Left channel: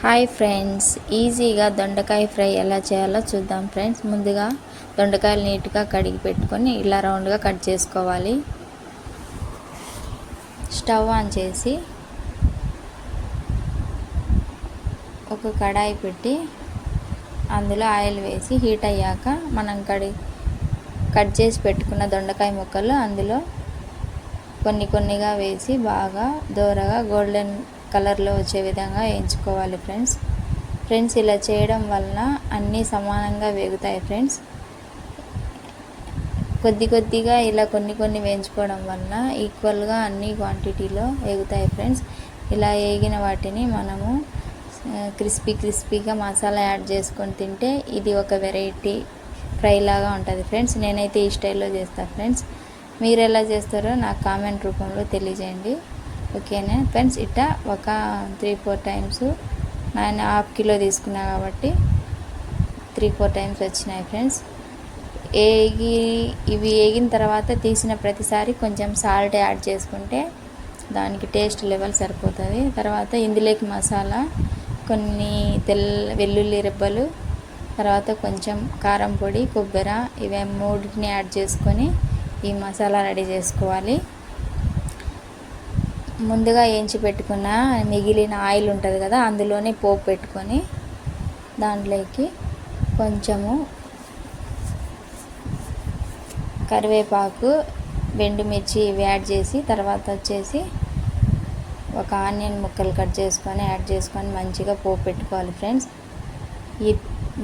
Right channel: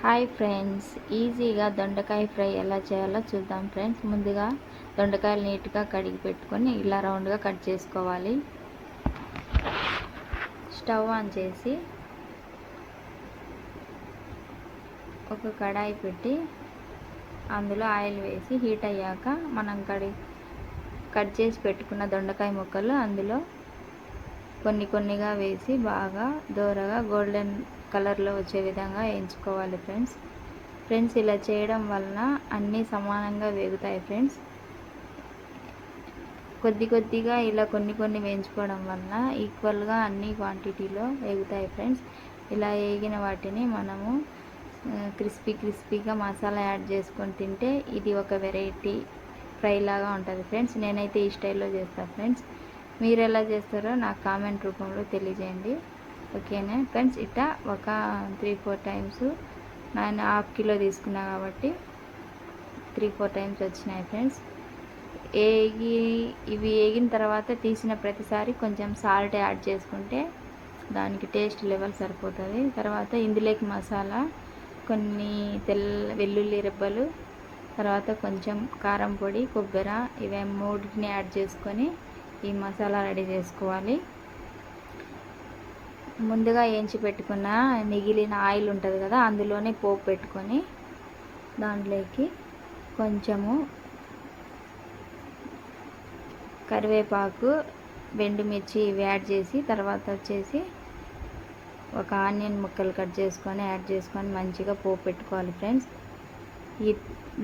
Hi friends, ఈజీగా దొండకాయ fry ఎలా చేయాలో చూద్దాం ఫ్రెండ్స్. ముందుగా దొండకాయలు నీట్గా కడిగి పెట్టుకొని ఇలా రౌండ్గా కట్ చేసుకోవాలి. స్టవ్ ఆన్ చేసి ఒక కడాయి పెట్టి అందులో ఆయిల్ వేసి హీట్ అయ్యాక మనం కట్ చేసి పెట్టుకున్న దొండకాయ ముక్కలు అందులో కొన్నిగా వేసి బాగా దోరగా గోల్డెన్ కలర్లో వచ్చే విధంగా వేయించుకోవాలి ఫ్రెండ్స్. ఇలా చేయడం వలన అన్నీ సమానంగా వేగుతాయి ఫ్రెండ్స్. కొద్దిగా ఇలా కొన్ని వేయించుకోవడం వలన ఈక్వల్గా అన్ని క్వాంటిటీలో వేగుతాయి ఫ్రెండ్స్. ఇలా వేగిన వాటిని మనము క్రిస్పీగా మసాలా యాడ్ చేసుకొని తింటే ఇది ఒక వెరైటీ ఫ్రై లాగా ఉంటుంది ఫ్రెండ్స్. నేనైతే ఈ స్టైల్లో చేస్తాను ఫ్రెండ్స్. మీరు ఎలా చేస్తారో నాకు కామెంట్ రూపంలో తెలియజేయండి. ఓకేనా ఫ్రెండ్స్. ఇట్లా ఒక 3-4 టైమ్స్ నేను ½ కిలో తీసుకున్నా కాబట్టి 3-4 టైమ్స్ వచ్చినాయి ఫ్రెండ్స్. ఇవి వేగిన తర్వాత తీసిన ప్రతిసారి కొంచెం సాల్ట్ యాడ్ చేసుకుంటే దానికి టేస్ట్ లెవెల్ సరిపోతుంది. తర్వాత ఇందులోకి మసాలా కొన్ని వెల్లుల్లి రెబ్బలు, తర్వాత కొంచెం కారం పొడి, కొబ్బరి, ఇవి మూడింటిని యాడ్ చేసుకొని ఈ మసాలా రెడీ చేసుకోవాలి. ముందుగా వేయించి పెట్టుకున్న మిగిలిన ఆయిల్ ఉంటుంది కదా, అందులోనే పోపు పెట్టుకొని దాంట్లోకి కొంచెము కరివేపాకు, ఎండుమిర్చి ఇవి యాడ్ చేసి తర్వాత వచ్చేసి ఒక ఆనియన్ ముక్కలు కట్ చేసుకొని యాడ్ చేసుకొని మంచిగా పోపు పెట్టుకోవాలి ఫ్రెండ్స్. ఈ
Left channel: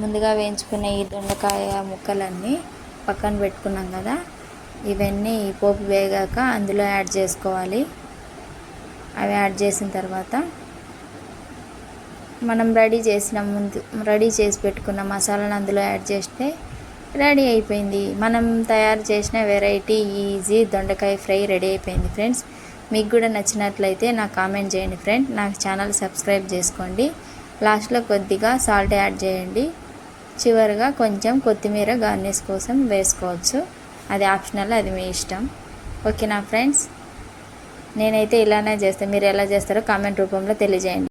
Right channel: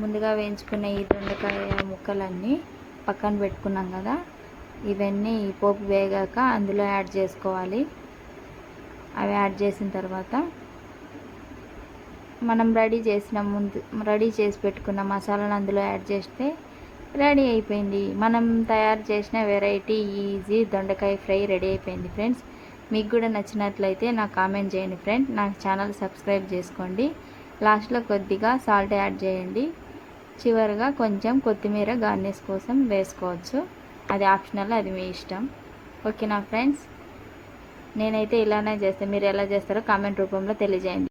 ముందుగా వేయించుకున్న ఈ దొండకాయ ముక్కలన్నీ పక్కన పెట్టుకున్నాం కదా, ఇవన్నీ పోపు వేగాక అందులో యాడ్ చేసుకోవాలి. అవి యాడ్ చేసిన తర్వాత మనం రెడీ చేసి పెట్టుకున్న మసాలాను అందులో యాడ్ చేస్తే రెడీ అయిపోయింది. మనం తయారు చేసిన వెరైటీ ఈజీ దొండకాయ ఫ్రై రెడీ అయిపోయింది ఫ్రెండ్స్. మీకు కూడా నచ్చినట్లయితే నాకు కామెంట్ చేయండి ఫ్రెండ్. నాకు ఛానల్ సబ్స్క్రైబ్ చేసుకోండి. లాస్ట్లో కొద్దిగా సాల్ట్ యాడ్ చేయండి. చివరిగా కొంచెం కొత్తిమీర గార్నిష్ కోసం వేసుకోవచ్చు. అది ఆప్షనల్, అది మీ ఇష్టం. ఓకేనా ఫ్రెండ్స్. నేనైతే ఇలానే చేస్తాను. మీరు ఎలా చేస్తారో కామెంట్ రూపంలో తెలియజేయండి.